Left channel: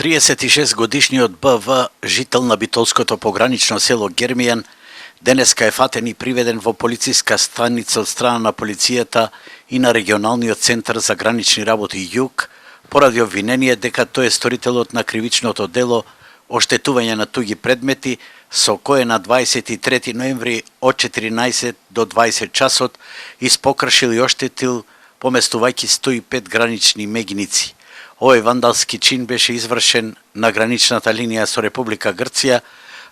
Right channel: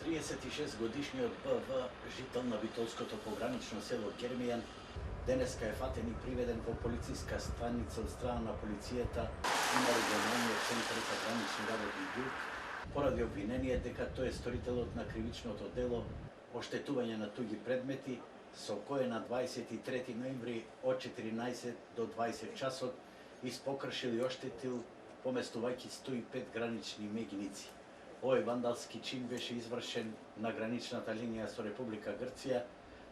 36-годишниот БВ, жител на битолското погранично село Гермијан, денеска е фатен и приведен во полициска станица од страна на полицијата и на регионалниот центар за гранични работи Југ, поради обвинение дека тој е сторителот на кривичното дело оштетување на туѓи предмети, со кое на 23 ноември од 14 до 20 часот испокршил и оштетил поместувајќи 105 гранични мегиници. Овој вандалски чин беше извршен на граничната линија со Република Грција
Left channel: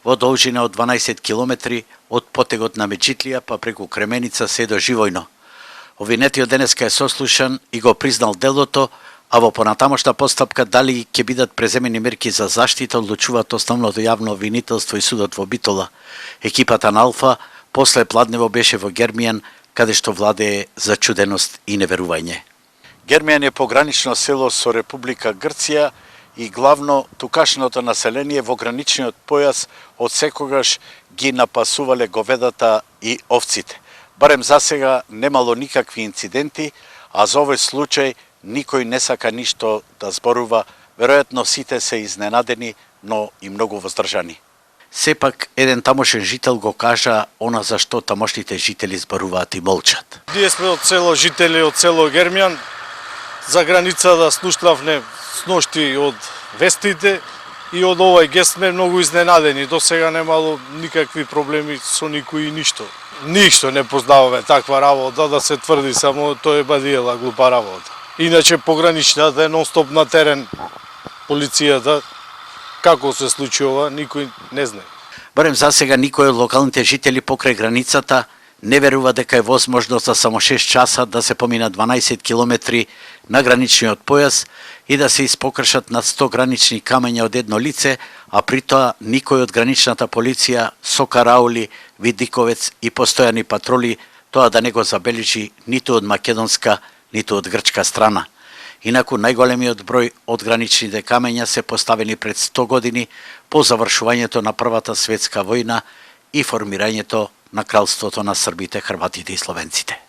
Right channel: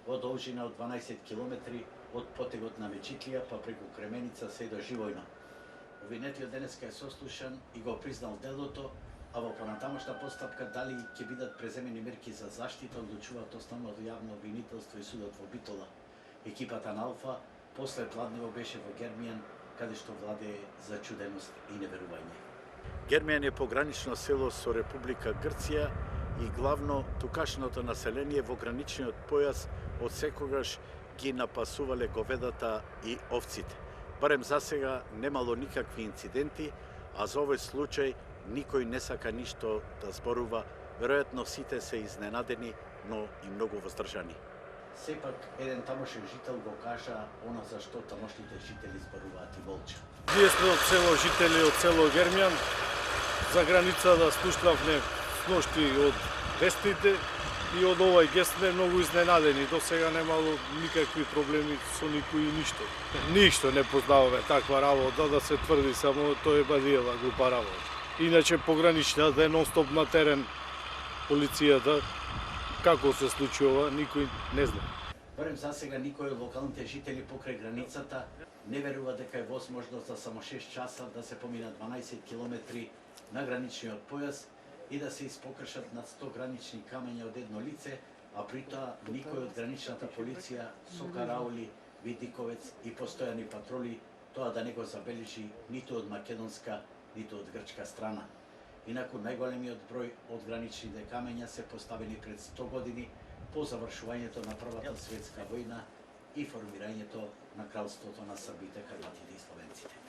во должина од 12 километри од потегот на Меджитлија па преку Кременица се до Живојно. Обвинетиот денеска е сослушан и го признал делото, а во понатамошна постапка дали ќе бидат преземени мерки за заштита одлучуваат основното јавно обвинителство и судот во Битола. Екипата на Алфа после пладнево беше во Гермијан, каде што владее зачуденост и неверување. Гермијан е погранично село со Република Грција и главно тукашното население во граничниот појас од секогаш ги напасувале говедата и овците. Барем засега немало никакви инциденти, а за овој случај никој не сака ништо да зборува, веројатно сите се изненадени, но и многу воздржани. Сепак, еден тамошен жител го кажа она за што тамошните жители зборуваат и молчат. Ние сме од село жители од село Гермијан. За граница да слушнавме сношти од вестите и од овој гест сме многу изненадени. До сега немало никакви проблеми со никој и ништо. Ништо не познаваме таква работа, да се тврди само тоа е бадиела глупа работа. Иначе пограничната е нон-стоп на терен, полицијата, како се случи ова, никој не знае. Барем засега никој од локалните жители покрај границата не верува дека е возможно за само 6 часа да се помина 12 километри на граничниот појас и да се испокршат над 100 гранични камења од едно лице, а при тоа никој од граничната полиција со караули, видиковец и постојани патроли тоа да не го забележи ниту од македонска, ниту од грчка страна. Инаку најголемиот број од граничните камења се поставени пред 100 години по завршувањето на Првата светска војна и формирањето на кралството на србите, хрватите и словенците.